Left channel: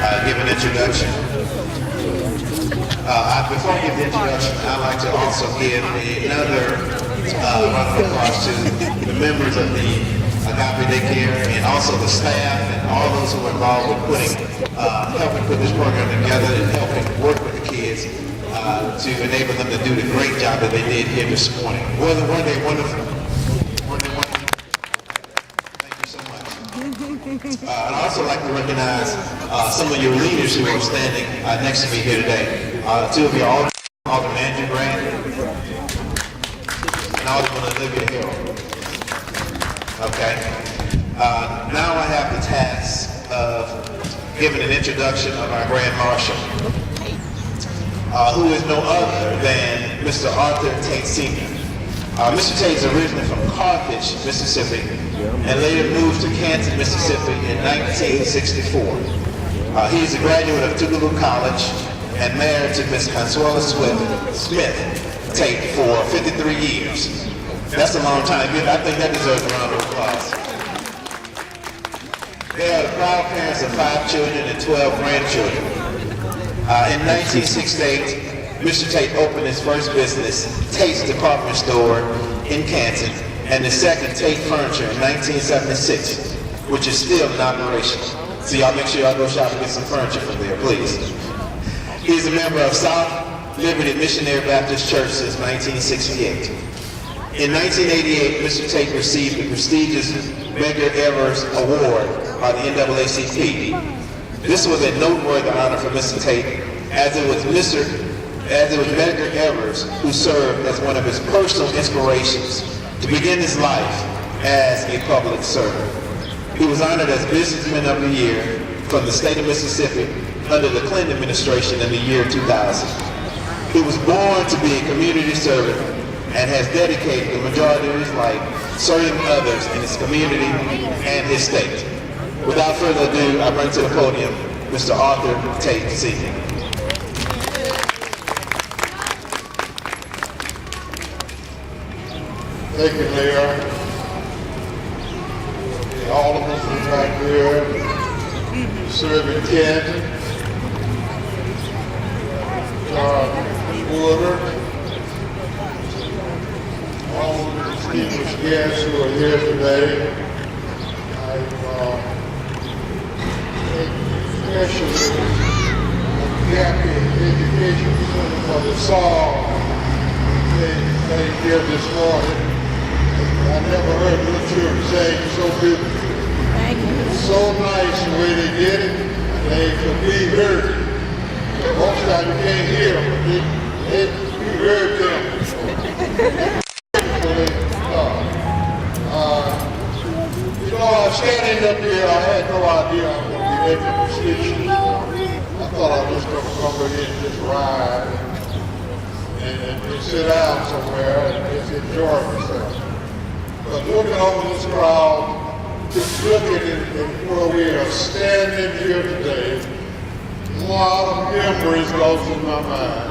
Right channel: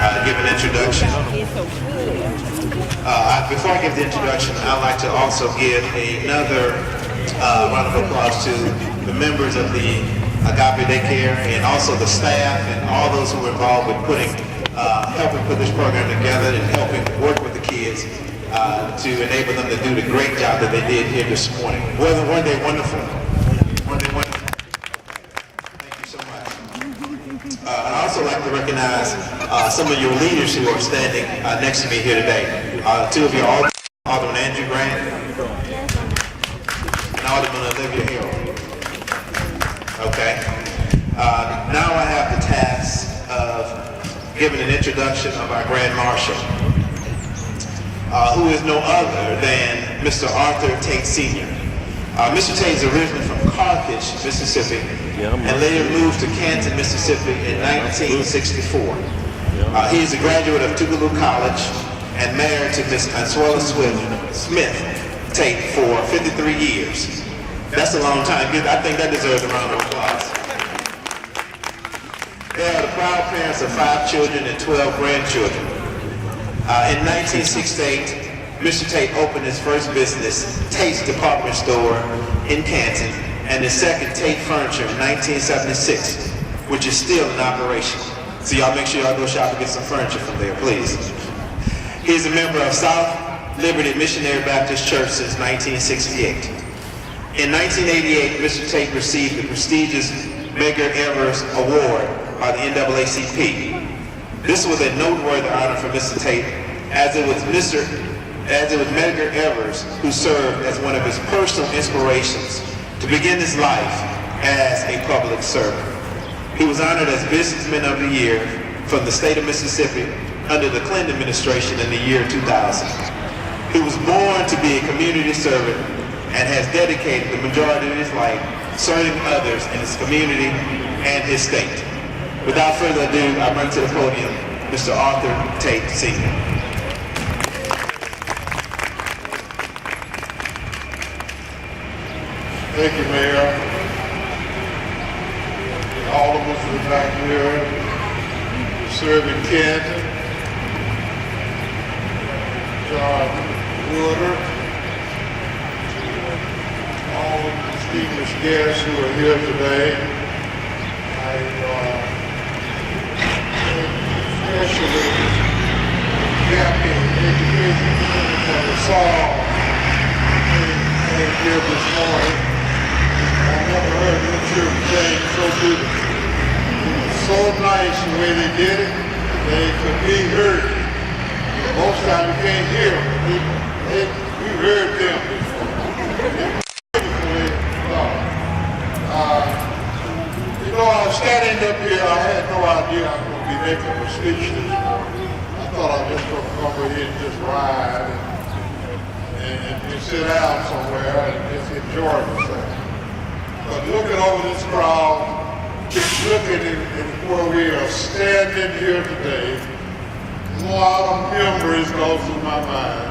give an introduction. Before I give the introduction, I'd like to also give another round of applause to the members of the Agape Daycare and also the staff and all those who were involved with helping put this program together and helping work with the kids to enable them to do the great job that they did here this morning. Wasn't one day wonderful? Thank you so much. I'd also like to recognize some of your leaders who are standing next to me here today. Two of you, Alderman Andrew Grant and Alderman Olivia Hill. Okay. Now I have the task of giving an introduction of our Grand Marshal, who is no other than Mr. Arthur Tate Sr. Mr. Tate is originally from Carthage, Mississippi, and later moved to Canton, Mississippi in 1964. He is a graduate of Tougaloo College and married to Miss Consuela Smith Tate for 53 years. That's a long time. I think that deserves a round of applause. They are the proud parents of 5 children and 12 grandchildren. In 1968, Mr. Tate opened his first business, Tate's Department Store in Canton, and his second, Tate Furniture, in 1976, which is still in operation. So y'all make sure y'all go shop and get some furniture from there, please. He is a member of South Liberty Missionary Baptist Church since 1968. In 1988, Mr. Tate received the prestigious Medgar Evers Award by the NAACP. This was a noteworthy honor for Mr. Tate, as it was Medgar Evers who served as one of his personal inspirations to begin his life as a public servant. He was honored as Businessman of the Year from the state of Mississippi under the Clinton administration in the year 2000. He was born to be a community servant and has dedicated the majority of his life serving others in his community and his state. Without further ado, I bring to the podium Mr. Arthur Tate Sr. Thank you, Mayor. All of us are back here serving Canton. John Woodard. All of the distinguished guests who are here today. Especially the gap in education that we saw here this morning. I never heard this children saying so good. So nice the way they did it. They could be heard. Most of the time you can't hear them. You heard them. I was standing up here, I had no idea I was going to be making a speech. I thought I was just going to come over here and just ride and sit down somewhere and just enjoy myself. But looking over this crowd, just looking at where we are standing here today, a lot of memories go through my mind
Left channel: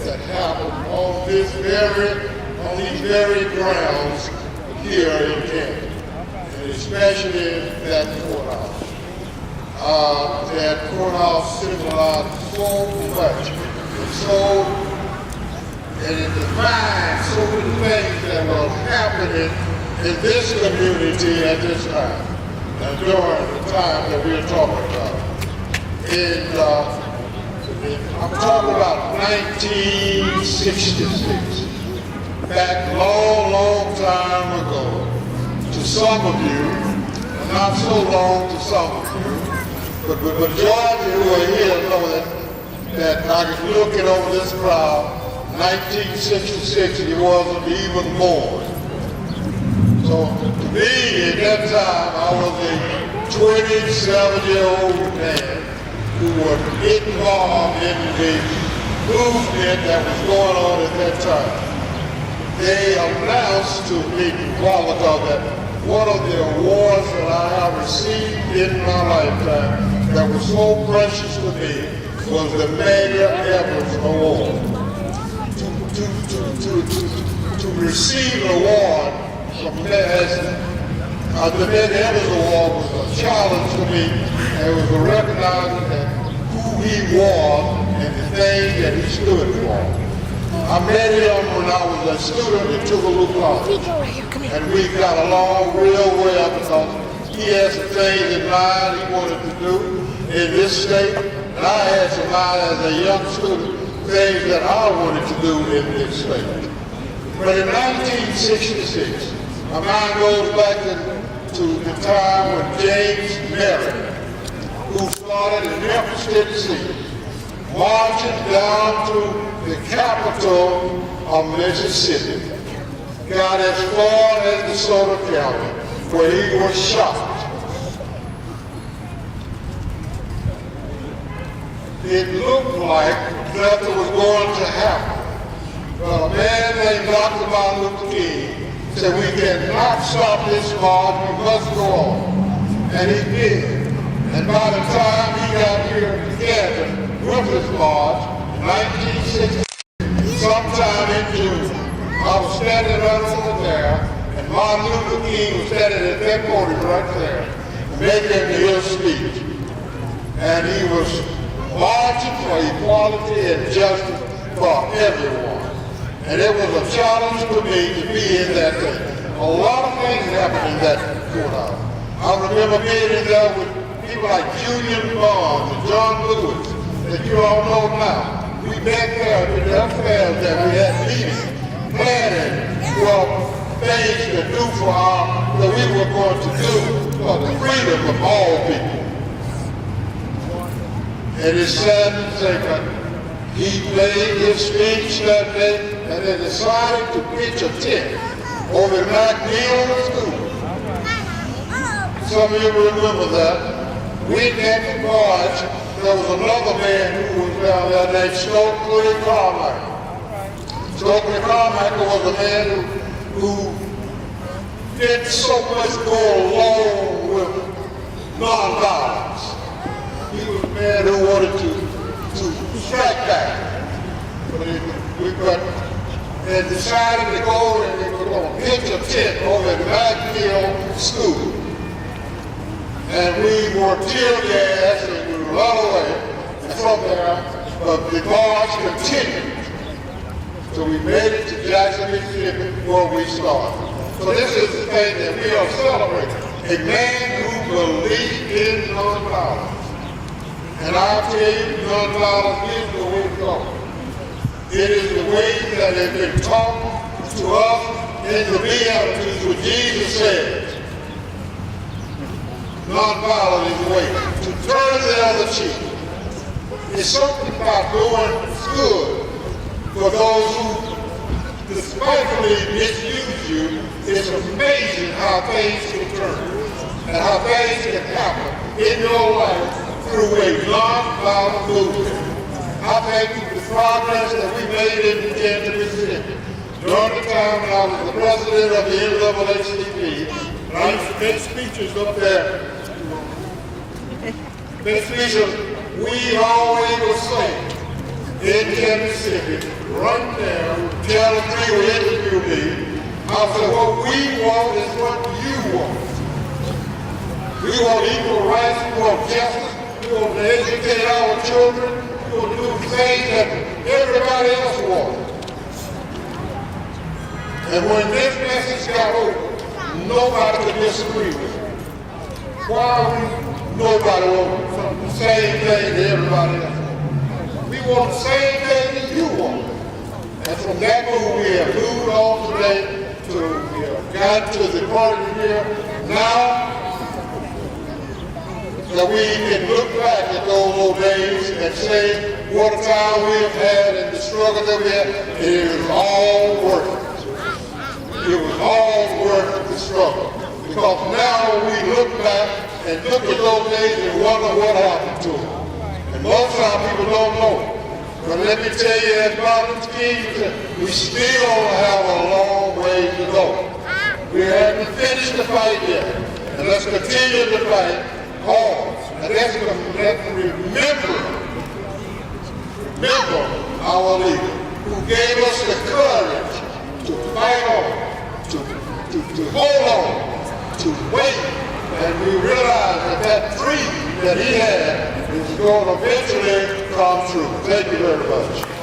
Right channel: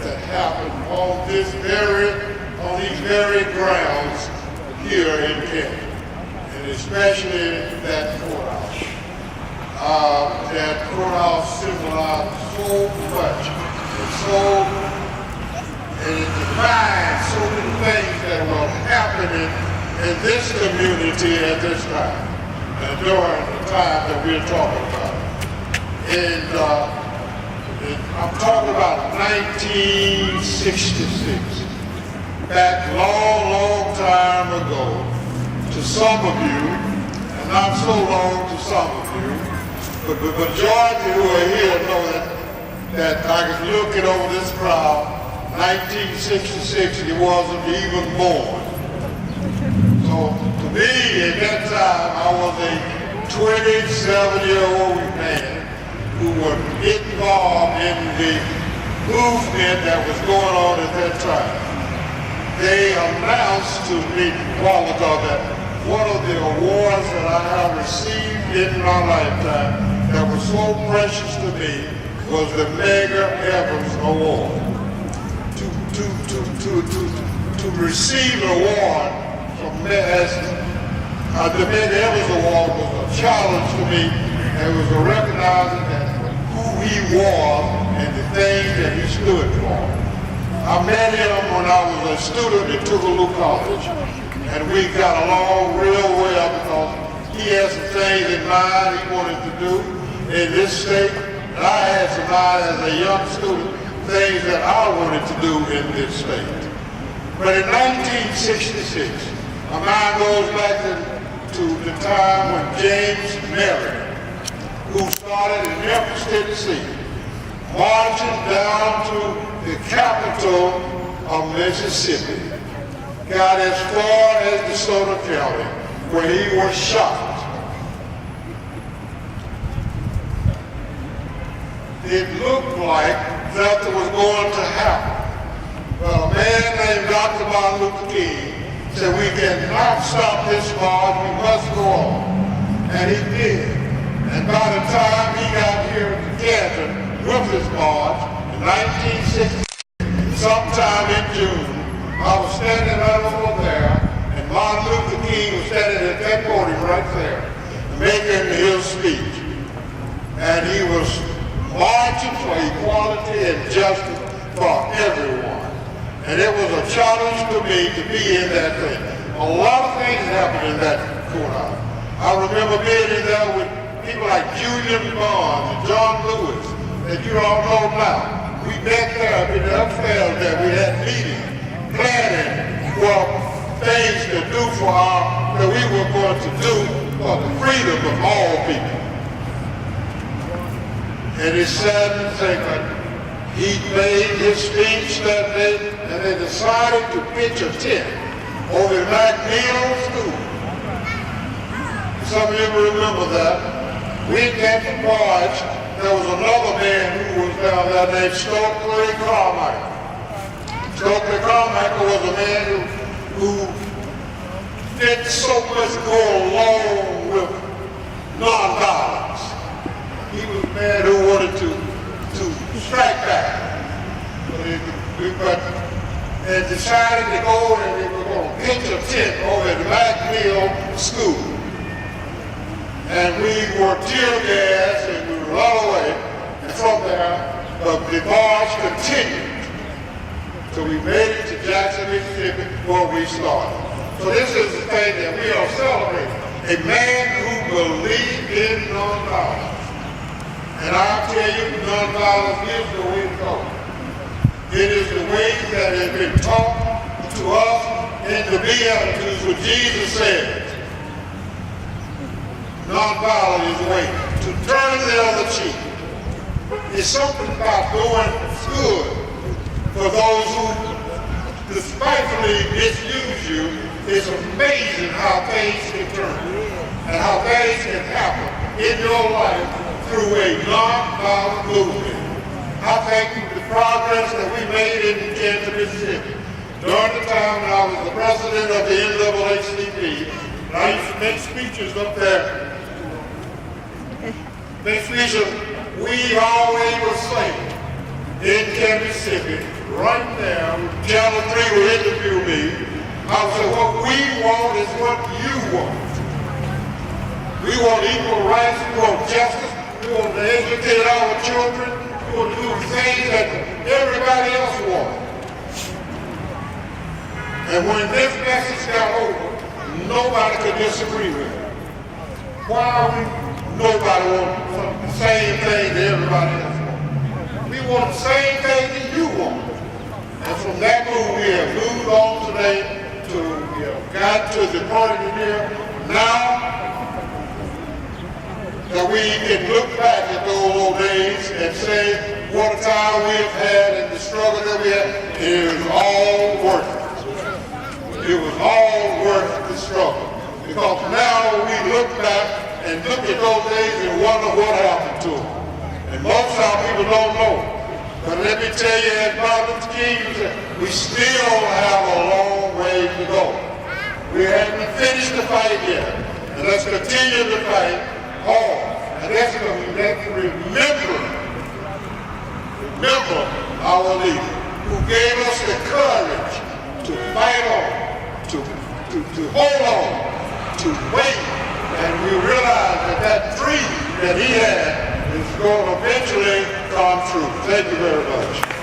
that happened on these very grounds here in Canton. Especially that courthouse. That courthouse symbolized so much, and it defined so many things that were happening in this community at this time, during the time that we're talking about. And I'm talking about 1966, back long time ago. To some of you, and not so long to some of you, but the majority who are here know that I was looking over this crowd, 1966, he wasn't even born. So to me, at that time, I was a 27-year-old man who was involved in the movement that was going on at that time. They announced to me while ago that one of the awards that I have received in my lifetime that was so precious to me was the Medgar Evers Award. To receive an award from the Medgar Evers Award was a challenge to me, and it was a recognizing that he was and the things that he stood for. I met him when I was a student at Tougaloo College, and we got along real well because he had some things in mind he wanted to do in this state, and I had some mind as a young student, things that I wanted to do in this state. But in 1966, my mind goes back to the time when James Merritt, who started in Memphis, Tennessee, marching down to the capital of Mississippi, got as far as DeSoto County, where he was shot. It looked like nothing was going to happen. But a man named Dr. Martin Luther King said, we cannot stop this march, we must go on. And he did. And by the time he got here to Canton with his march, in 1960, sometime in June, I was standing right over there, and Martin Luther King was standing at that podium right there, making his speech. And he was marching for equality and justice for everyone. And it was a challenge for me to be in that thing. A lot of things happened in that courthouse. I remember being in there with people like Julian Bond and John Lewis, that you all know now. We met there in the upstairs there. We had meetings, planning for things to do for that we were going to do for the freedom of all people. And it's sad to say that he made his speech that day, and they decided to pitch a tent over at McNeil School. Some of you remember that. We got the march. There was another man who was down there named Stokely Carmichael. Stokely Carmichael was a man who didn't so much go along with nonviolence. He was a man who wanted to strike back. But they decided to go and they were going to pitch a tent over at McNeil School. And we were tear gas and we were run away. And from there, the march continued. So we made it to Jackson, Mississippi, where we started. So this is the thing that we are celebrating. A man who believed in nonviolence. And I'll tell you, nonviolence is the way to go. It is the way that has been taught to us in the Beatitudes, where Jesus said, nonviolence is the way to turn the other cheek. It's something about doing good for those who despitefully misuse you. It's amazing how things can turn and how things can happen in your life through a nonviolent movement. I thank you for the progress that we made in Canton, Mississippi. During the time when I was the president of the NAACP, and I used to make speeches up there. Make speeches, we always would say in Canton, Mississippi, right there, Channel 3 will interview me. I said, what we want is what you want. We want equal rights, we want justice, we want to educate our children, we want to do things that everybody else wants. And when this message got over, nobody could disagree with it. Why nobody wants the same thing that everybody else wants? We want the same thing that you want. And from that move, we have moved on today we have got to the point here now that we can look back at those old days and say what a time we have had and the struggle that we had. It was all worth it. It was all worth the struggle. Because now we look back and look at those days and wonder what happened to them. And most of our people don't know. But let me tell you, as Martin King said, we still have a long way to go. We haven't finished the fight yet. And let's continue to fight hard. And let's remember our leader who gave us the courage to fight on, to hold on, to wait. And we realize that dream that he had it's going to eventually come true. Thank you very much.